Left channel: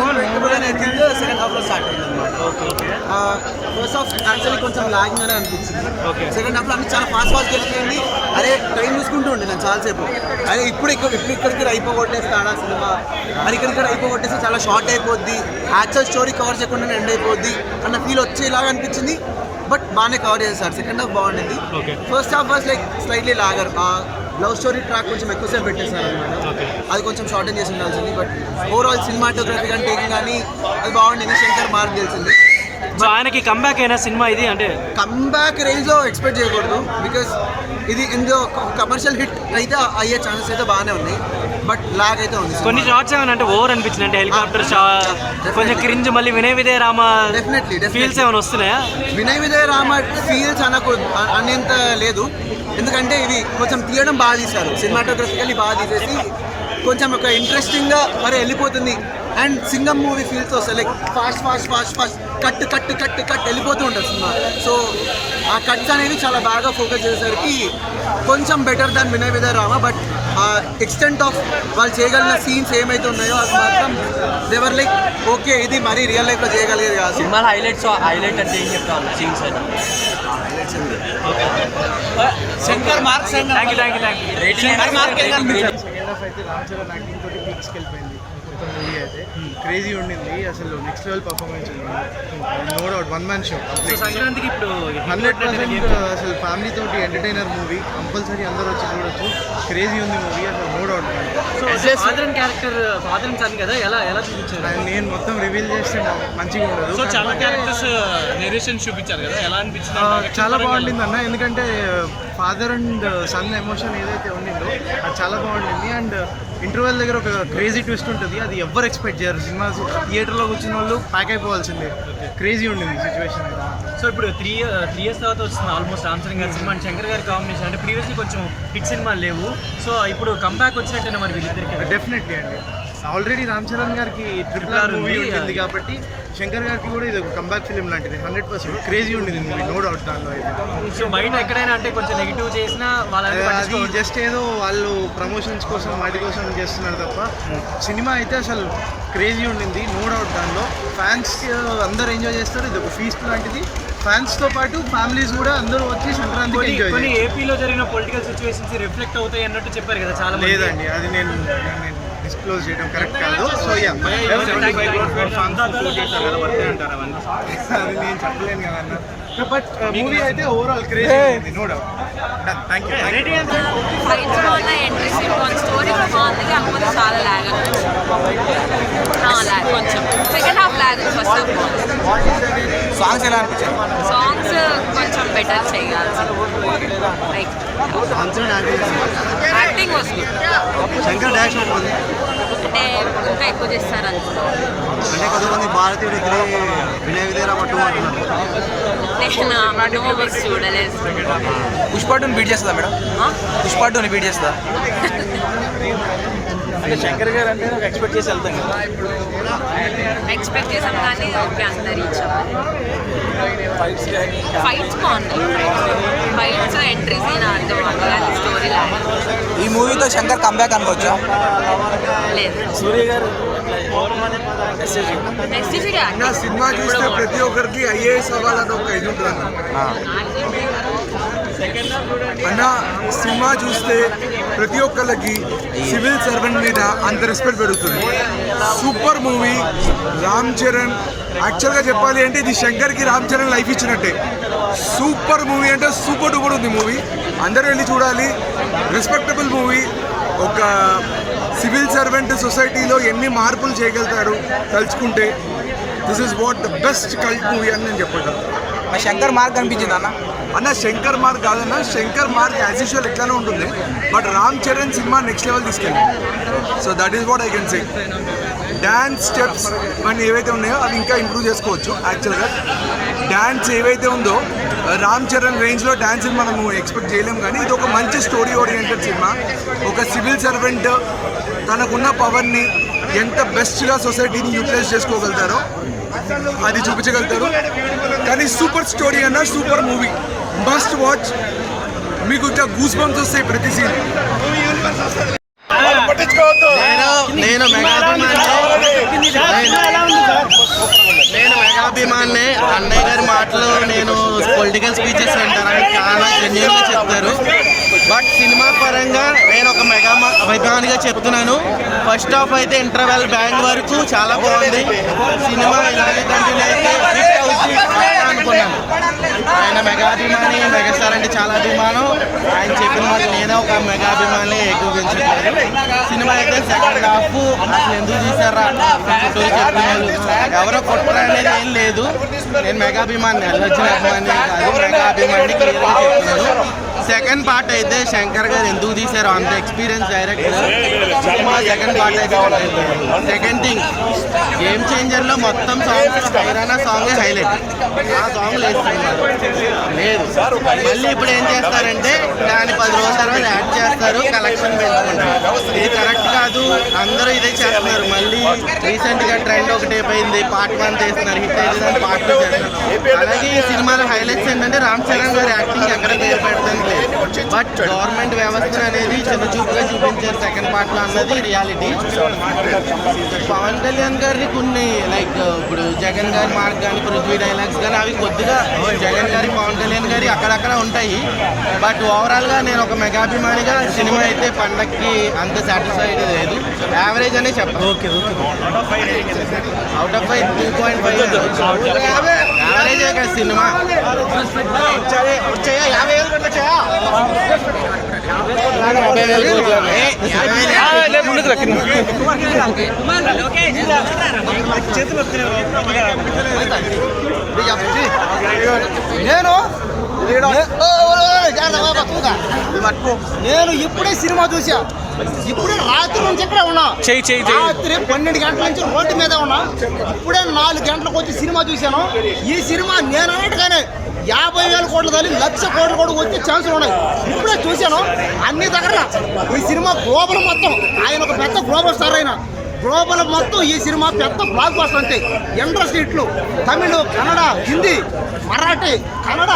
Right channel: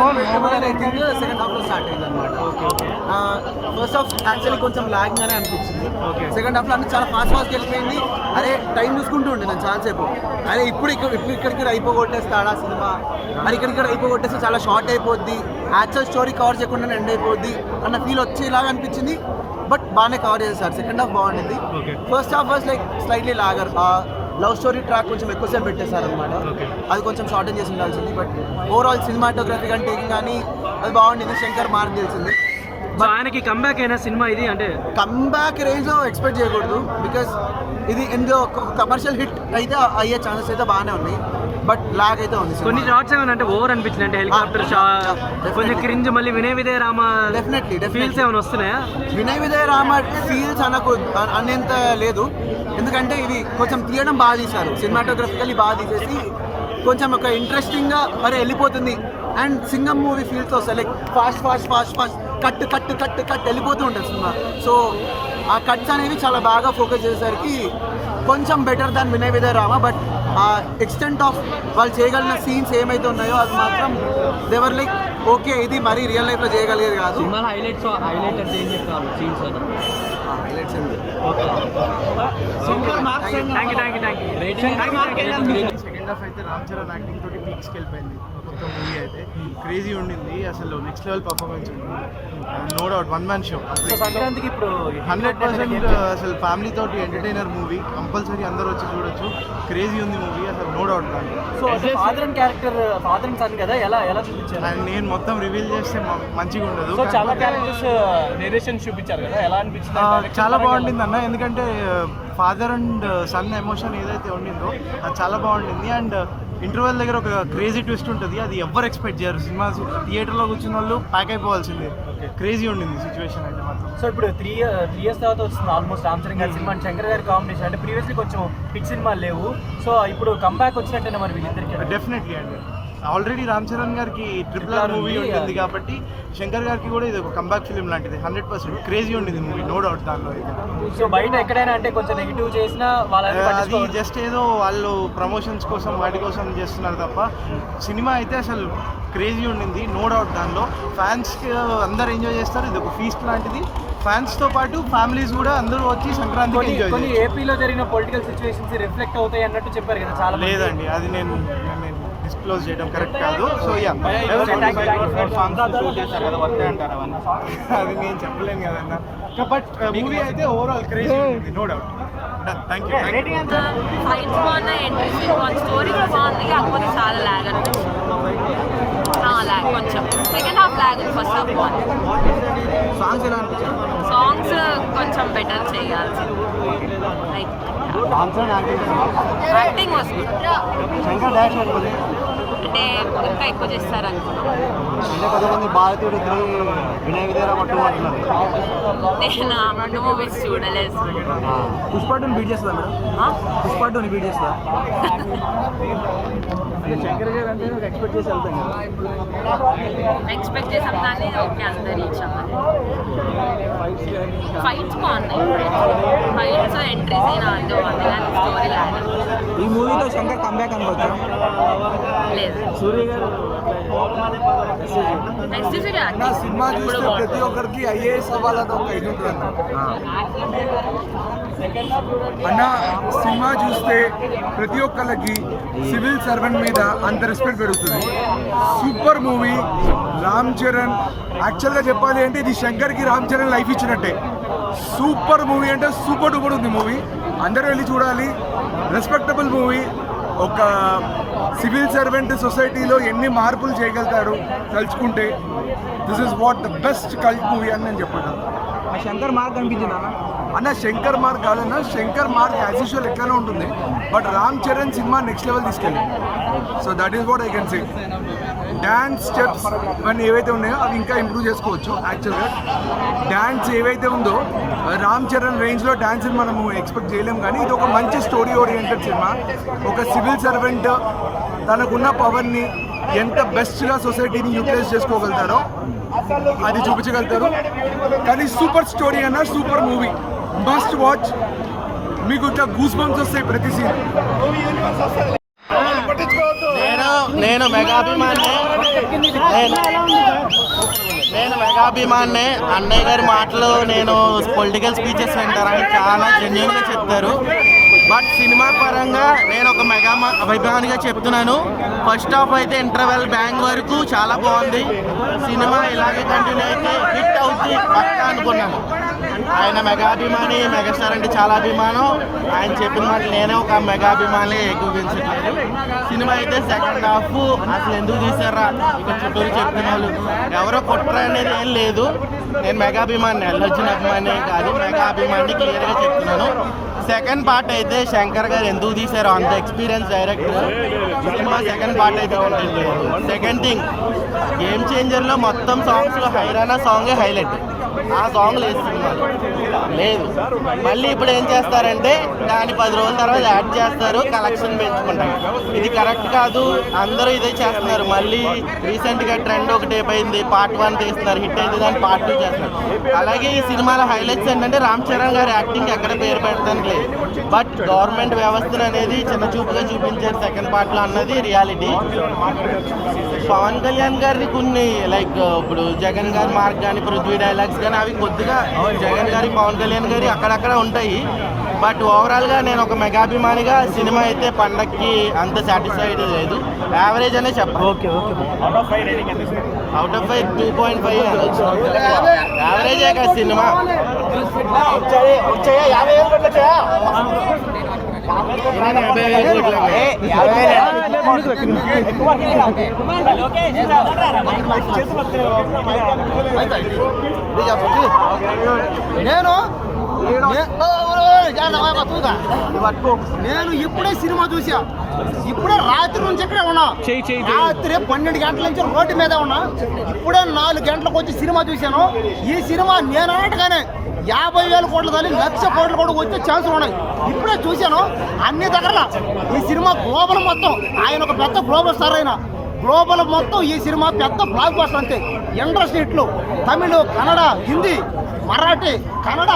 Unpredictable అనే thing second హాఫ్లో start అయింది అనమాట. ఫస్ట్ హాఫ్ యాక్చువల్లీ కొంచెం లాగింగ్ అనే అనిపించింది. సెకండ్ హాఫ్లో అన్ని చాలా ఫాస్ట్గా వెళ్ళిపోయింది. అరే టైం చూసుకుంటూ ఉండే నేను చాలాసేపు, అరే ఇక్కడికి అయిపోగొట్టేస్తాడా సినిమా, మరి ఇక్కడ అయిపోగొట్టేస్తే చాలా షార్ట్ అయిపోద్ది, యాక్చువల్ స్టోరీ కవర్ చేయకుండా ఎండ్ అయిపోద్ది అన్న ఫీల్ వచ్చేలాగా అనిపించింది. బట్ బాగానే కవర్ చేశారు. సెకండ్ హాఫ్ బాగుండింది. First half was like slightly lagger. Love story track కొంచెం ఎక్కువసేపు పెట్టేశారు అనమాట. అది కొంచెం షార్టన్ చేసి ఉండాల్సింది. బట్ ఓవరాల్ సినిమాటోగ్రఫీ కానీ టేకింగ్ కానీ అది బాగుండింది. శంకర్ మార్క్ తెలిసింది. ఆయనకి కంబ్యాక్ అయిన సినిమా ఇది, అంటే కంబ్యాక్ రేంజ్లో ఎక్స్పెక్ట్ చేయకూడదు. బికాస్ ఇది ఇందులో కమర్షియల్ హిట్ అయితే అయ్యే ఛాన్సెస్ అయితే బాగానే ఉన్నాయి. బట్ లాగ్ అయితే ఉంది. కొన్ని షార్ట్స్ ఏమైనా అంటే ఓవర్ అనిపించింది, అంటే హెలికాప్టర్ షాట్ కొంచెం క్రింజ్. మళ్ళీ వినయ్ విజయ రామ డెఫినెట్లీ ఫీల్స్ ఏమైనా వస్తున్నాయా? వినయ్ విజయ రామ ఫీల్స్ అనేంత లేదు. ఎందుకంటే ఇవి కొంచెం తీయడం బాగా తీశారు, సినిమాటోగ్రఫికల్లీ బాగా తీసేసి కొంచెం ఒక ఇంట్రెస్టింగ్గా మరి వెళ్ళిపోతుంది. అండ్ సింగం మూవీ ఫీల్స్ వస్తాయి, like fast fast fast fast cut cut cut cut వెళ్ళిపోతూ ఉంటుంది సినిమా. సో ఆ కట్స్ అనేవి చాలా బాగా ఫోకస్ చేసేసరికి కొంచెం better than Vinay Vijaya Rama. But ఆ ఎక్స్టెంట్ ఆఫ్ వాళ్ళు చేయగలిగిన సీన్స్ ఏమైతే ఉన్నాయో అది మాత్రం దేవర్ లైక్ ఓకే, ఇది మరీ రియల్ లైఫ్లో చేయగలిగేది కాదు. సెకండ్ హాఫ్ అయితే రామ్ చరణ్ యాక్టింగ్ తోటి పీక్స్కి వెళ్ళిపోయింది. మొత్తం మూవీ అయితే క్రేజీ ఉండింది. అసలు నెక్స్ట్ లెవెల్ పర్ఫార్మెన్స్ ఉంది. No doubt one man show. సంక్రాంతికి ఇప్పుడు 100% అసలు ఫ్యామిలీ తోటి ఎంటర్టైనర్ మూవీ. కంపల్సరీ అందరూ వచ్చి చూడొచ్చు. క్రేజీ ఉంది మూవీ అసలు, నో డౌట్. అండ్ నేను మొత్తం రివీల్ చేస్తే మంచిగా ఉండదు. చూపించారు కదా, ఎలా అనిపించింది? చాలా బాగుండింది అన్న. ఎందుకంటే ఫాదర్ అండ్ సన్ ఎమోషన్ ఏదైతే ఉండిందో అది చాలా బాగుండింది. అండ్ ఇంటర్వెల్ దగ్గర ఒక క్రేజీ ట్విస్ట్ ఉంటుంది, అది ఎవరు ఎక్స్పెక్ట్ చేయరు. సినిమా థియేటర్లో కూర్చున్న వాళ్ళు ప్యాక్ అయిపోవాల్సిందే. క్రేజీ ఉండింది సిచ్యువేషన్ అయితే మాత్రం. సో ఇప్పుడు 3 years తర్వాత వస్తుంది ఆల్మోస్ట్ రామ్ చరణ్ గారి సినిమా అండ్ శంకర్ గారి కాంబినేషన్. అంటే ప్రీవియస్లీ కొంచెం హిట్ సినిమాలు లేవు. సో ఇప్పుడు కంబ్యాక్ వచ్చినట్టేనా మరి వీళ్ళిద్దరికి? డెఫినెట్లీ అండి. ఆల్రెడీ రామ్ చరణ్ గారికి RRR మూవీ ఉంటుంది కాబట్టి శంకర్ గారికి కూడా ఇది ఒక కంబ్యాక్ ఫిలిం లాంటిది. 100% క్రేజీ ఉండింది మూవీ, నో డౌట్ దానిలో అయితే. సో బయట ఎక్కడైనా అంటే కొంచెం నెగిటివ్ చేసినా అది జస్ట్ ఏదో వాళ్ళు ప్రమోషన్స్ కోసం వాటి కోసం చేస్తున్నారు తప్ప సినిమా అయితే అసలు క్రేజీ ఉండింది, నో డౌట్. దానిలో ఫ్యాన్స్ అందరు ఎంజాయ్ చేస్తారు. ఇది ఒక ఫీస్ట్ లాంటిది. ఫ్యాన్స్తో పాటు ఫ్యామిలీస్ కూడా అందరూ వచ్చి సంక్రాంతికి ఎంజాయ్ చేస్తారు. ఏపీలో జరిగిన పొలిటికల్ సిచ్యువేషన్స్ రిఫ్లెక్ట్ అవుతాయి అన్నట్టు చెప్పారు కదా చాలా. లేదండి, అది నేను డిస్క్లోజ్ చేయడం కరెక్ట్ కాదు. సో అది నేను చెప్పలేను కదన్నా. బట్ మూవీ అయితే ఓవరాల్ క్రేజీ ఉంది, no doubt. Thank you. Fights బాగున్నాయి, ఎంట్రీ సీన్ బాగుంది, స్టోరీ కూడా బాగుంది. కాకపోతే చాలా ల్యాగ్ అనిపించింది. ల్యాగ్ కొంచెం. సెకండ్ హాఫ్ ల్యాగ్ ఉంది, ఫస్ట్ హాఫ్ బాగుంది. సాంగ్స్ ఎలా అనిపించాయి? సాంగ్స్ కొంచెం బెటర్ చేయాల్సింది. Like acting was good. Shankar dash ఉంది అంటే ఇంకా ఎక్కువ చేస్తారు అనుకున్నాం. అంటే కొంతమంది భారతీయుడు వినయ్ విజయ రామ 2 అంటున్నారు. నేను అన్ని మూవీస్ చూడలేదు. పుష్ప2ని బీట్ చేస్తుందా మేడం? పుష్ప2ని బీట్ చేస్తుందా? శంకర్ గారు అంటే ఎక్స్పెక్ట్ చేసి వెళ్తాం. ఎక్స్పెక్ట్ చేసాం కానీ ఓకే అంత రీచ్ అవ్వాలి. ఫైట్స్ బాగున్నాయి. ఫైట్స్ ఎంట్రీ సీన్ అంతా బాగుంది కానీ స్టోరీ లాగా. ఈ మూవీతో శంకర్ కంబ్యాక్ అనుకోవచ్చా? లేదు. సినిమా చూస్తే ప్రతి ఒక్కరికి IAS అవ్వాలని ఒక ఇది ఉంటుంది అన్న. సినిమా చూస్తే ప్రతి ఒక్కరికి సివిల్ సర్వెంట్ మీద అంత రెస్పెక్ట్ పెరుగుతుంది. Super movie. రామ్ చరణ్ యాక్చువల్గా చెప్పాలి అంటే ఇది శంకర్కి రామ్ చరణ్ లైఫ్ ఇచ్చినట్టే. సూపర్ మూవీ అంటే సూపర్ డూపర్ ఉంది మూవీ. అందరూ వెళ్ళి చూడాలి. Respectable movie. ఒక సివిల్ సర్వెంట్ సొసైటీలో ఎన్ని మార్పులు చేయగలుగుతాడు తలుచుకుంటే. This is what the best cult movie అని నేను చెప్పగలను. శంకర్ మార్క్ అనిపించింది అన్న శంకర్ మార్క్ కాదన్న. శంకర్ మార్క్ యాజ్ యూజువల్ ఎట్లానే ఉంటుంది. But Ram Charan cinema next level తీసుకెళ్ళి. So that is what I can say. Dance steps ఇవన్నీ ఏవైతే ఉన్నాయో అవి ఇంకా ఇంప్రూవ్ చేసుకోవచ్చు. యాక్చువల్గా డ్యాన్స్ ఏవైతే ఉందో రామ్ చరణ్ రేంజ్లో డ్యాన్స్ని మనము ఎక్స్పెక్ట్ చేయలేము. కానీ ఇది ఒక మంచి స్టోరీ ఓరియంటెడ్ సినిమా. ఒక సివిల్ సర్వెంట్ తనకున్న పవర్ని ఎంత బెస్ట్గా సొసైటీని యూటిలైజ్ చేసుకోగలుగుతారో అది చూపించగలుగుతారు. కానీ సూపర్ స్టోరీ అన్న, సూపర్ మూవీ, మస్ట్ వాచ్. మీకు ఇట్లా గూస్ బంప్స్ వస్తాయి ప్రతి సీన్. నేను మెగా అభిమాని. మెగాభిమాన్నే. అన్నయ్య గారి మాటలు నేను పొలిటికల్ స్పీచెస్ వింటారు, ఆయన చాలా జెన్యున్గా చెప్తారు. బట్ సినిమా పరంగా నేను ఒక మెగా అభిమానిగా చెప్తున్నాను. ఫస్ట్ హాఫ్ అయితే ఇంటర్వెల్ బ్యాంగ్ వరకు చాలా బాగుంది. సినిమా ఇలాగే కంటిన్యూ అయితే హిట్ అవుతుంది పక్కా అనుకున్నాను. ఆయన మెగాభిమాని, మెగాస్టార్ అంటే చాలా అభిమానం. ఆయన చెప్పిన మాట నేనే ఒక మెగాభిమాని ఏకీభవించట్లేదు. సినిమా అయితే సెకండ్ హాఫ్ అసలు ఎందుకు తీసారా ఇక్కడ చుట్టూరు చెప్తున్న వాళ్ళు ఎవరో కుట్ర అనేది ఏం లేదు. నేను మెగాభిమాని, అల్లు అర్జున్ అభిమాని కాదు, మెగాభిమాని క్లియర్గా చెప్తున్నాను. సెకండ్ పార్ట్ అయితే శంకర్ గారు ఎందుకు తీశారో, అంత experience director. Cinema second part అయితే కంటెంట్ లేదు. సెకండ్ థింగ్, గేమ్ చేంజర్లో మొత్తం సాంగ్స్లో హైరానా సాంగే హైలైట్. ఆ సాంగ్ లేదు సినిమాలో లేదు. మళ్ళీ ఇప్పుడు ఏం చేస్తారంటే దాన్ని 10 రోజుల తర్వాత యాడ్ చేస్తారు, కలెక్షన్ పెంచుకుంటారు. ఇది కరెక్ట్ కాదు. అందరూ ఇదే చేస్తున్నారు. మళ్ళీ రీసెంట్గా ట్రెండ్ ఒకటి అయిపోయింది, పార్ట్ 1 చేస్తున్నారు, హిట్ అయితే దాన్ని పార్ట్ 2 చేస్తారు. అలాగే ఈ సినిమాలో హైలైట్స్ ఏంటంటే రామ్ చరణ్ గారి యాక్టింగ్ ఎక్కడ పేరు పెట్టడానికి లేదు. బట్ గవర్నమెంట్ వ్యవస్థను అనేది చిన్న చూపుగా చూపించారు సెకండ్ పార్ట్లో అన్నది రియాలిటీ. పవన్ కళ్యాణ్ గారిని కొన్ని లైక్ ఇప్పుడు జగన్ గారి మార్క్ కానీ, పృథ్వీ డైలాగ్స్ కానీ అవి కొద్దిగా జగన్ గారి, పవన్ కళ్యాణ్ గారి అక్కడక్కడ ఉంటాయి. బట్ ఓవరాల్గా నేను ఒక మెగాభిమానిగా సినిమా అయితే పండక్కి అంత సాటిస్ఫైడ్ లేదు, యావరేజ్ అనే చెప్పాలి. ఓకే ఓకే అవుట్ ఆఫ్ 5 2.5 యావరేజే కదా సినిమా. నేను ఇప్పుడే సినిమా చూసా, ఇప్పుడే రాత్రి నుంచి ఇక్కడే ఉన్నా. రాత్రి 12 గంటల నుంచి రోడ్డు మీద ఉన్నా. ఇప్పుడే 4 గంటలకు వచ్చి సినిమా చూశాను. ఈ సినిమా నేను అన్నట్టుగానే 50,000 కోట్లు తల్లి 1,00,000 కోట్లు కూడా వచ్చే ఛాన్సులు ఉన్నాయి. ఇప్పుడే చూశాను అన్ని దగ్గర. ఈ సినిమా గ్లోబల్ మొత్తం, ఆయన ఒక పెద్ద గ్లోబల్ స్టార్. అయినా గ్లోబల్ మొత్తం ఈ సినిమా పెద్ద బ్లాక్ బస్టర్ అంతే. ఇండస్ట్రీ హిట్లు తమిళ్, కన్నడ, హిందీ, మరాఠీ, కన్నడ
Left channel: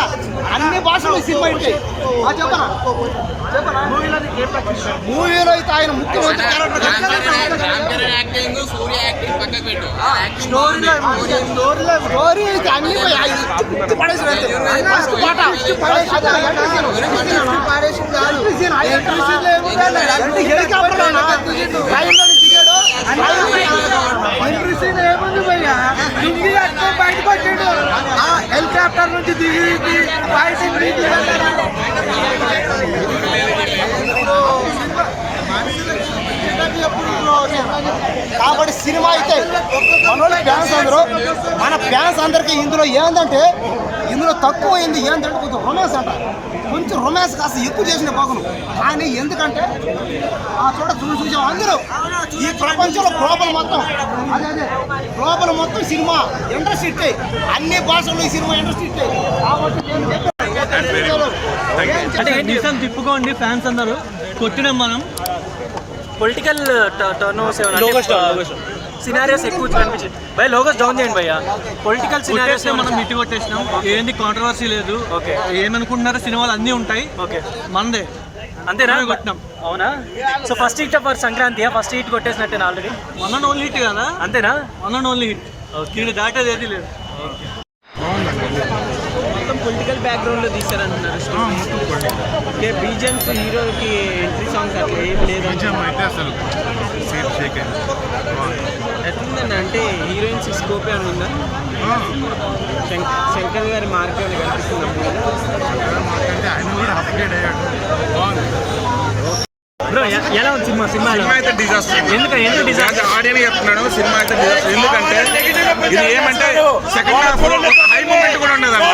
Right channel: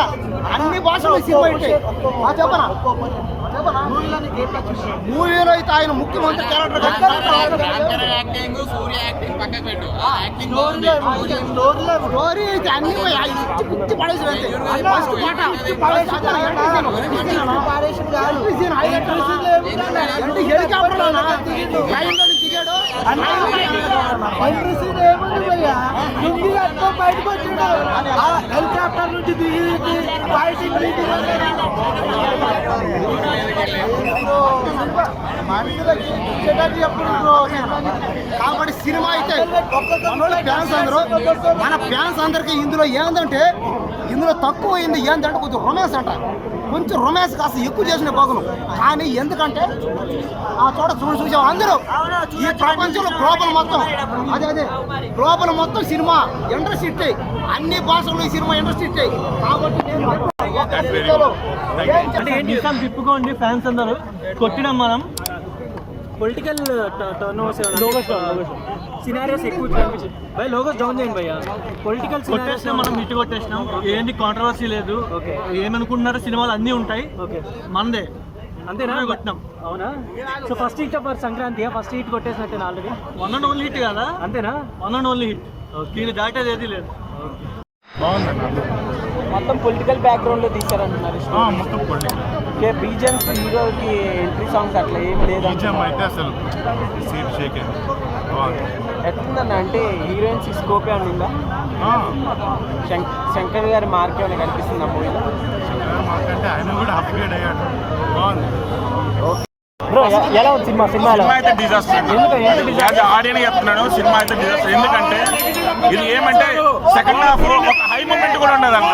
అన్ని భాషలు ఈ సినిమా హిట్. చెప్పనా మూవీలో అయితే ఆయన ముఖ్యమంత్రి క్యారెక్టర్ స్టోరీ అయితే అన్ని హెలికాప్టర్ దిగాడు. బయటకు వచ్చాడు, హెలికాప్టర్ నుంచి దిగి కాబట్టి సినిమా అయితే ఫ్యాన్స్ అందరూ, మన ఫ్యాన్స్ అందరికీ ఇందులో ఏంటంటే ఇందులో తక్కువ అయింది ఏంటంటే కొంచెం రొమాన్స్ అంట. కొంచెం రొమాన్స్ కాస్త ఎక్కువ చేసిన బాగును. కానీ ఎందుకంటే ఆ చోట చూసాం అందరూ ఈ ప్రపంచంలో గ్లోబల్ మొత్తం అదే గ్లోబల్ మొత్తం సినిమా ఇండస్ట్రీ ఇట్టే, అన్ని భాషల్లో ఈ సినిమా ఇండస్ట్రీ ఇట్టే. కాబట్టి నిజం తిప్పుకోండి ఫ్యాన్స్ అందరూ కొట్టినాం మనం. పొలిటికల్ టర్న్ సినారియోస్ ఎక్కువ కనిపించింది భయ. లోగోస్ డౌన్ చేయండి భయ్య. పొలిటికల్ కొట్టేసినాం మనం, హిట్ కొట్టేసినాం. ఏంది కాంట్రవర్సీ లేదు. ఓకే, ఏమనుకుంటున్నారో సినిమాలు అన్నీ ఉంటాయి. ఓకే, మనదే అంతేనా కొట్టినాం. అవునా? So first hit for Sankranti, first hit కొట్టేసినట్టే ఆల్రెడీ. 1 and only హిట్ కదా? అంతేనా? 1 and only హిట్. దీన్ని దాటేది ఏది లేదు. మొత్తం పొలిటికల్ బ్యాక్గ్రౌండ్లో తీస్తారంటున్నారు. మొత్తం పొలిటికల్. ఓకే, బీజిఎమ్స్ హీరోకి ఎంట్రీ సాంగ్స్ అట్లా ఏం లేదు. బీజిఎం అయితే అసలు సేఫ్ షేక్ అయింది. ఎట్లుందన్న అంటే హీరోయిన్స్ స్కోప్ ఏమైనా ఉందా? శంకర్ గారి మార్క్ ఏమైనా కనిపిస్తుందా? మాకంటే ఆయన కూడా అప్గ్రేడ్ అయ్యాడు. బాగుంది బ్రో. ఎలా ఉంది సినిమా? సినిమా అయితే డిజాస్టర్. ఎందుకు ఆడియన్ చెప్తున్నాను, సినిమా అయితే డిజాస్టర్. ఎందుకంటే ఇది ఏమంటే సెకండ్ హాఫ్ ఒక హై మూమెంట్ కూడా ఉండదు అన్న.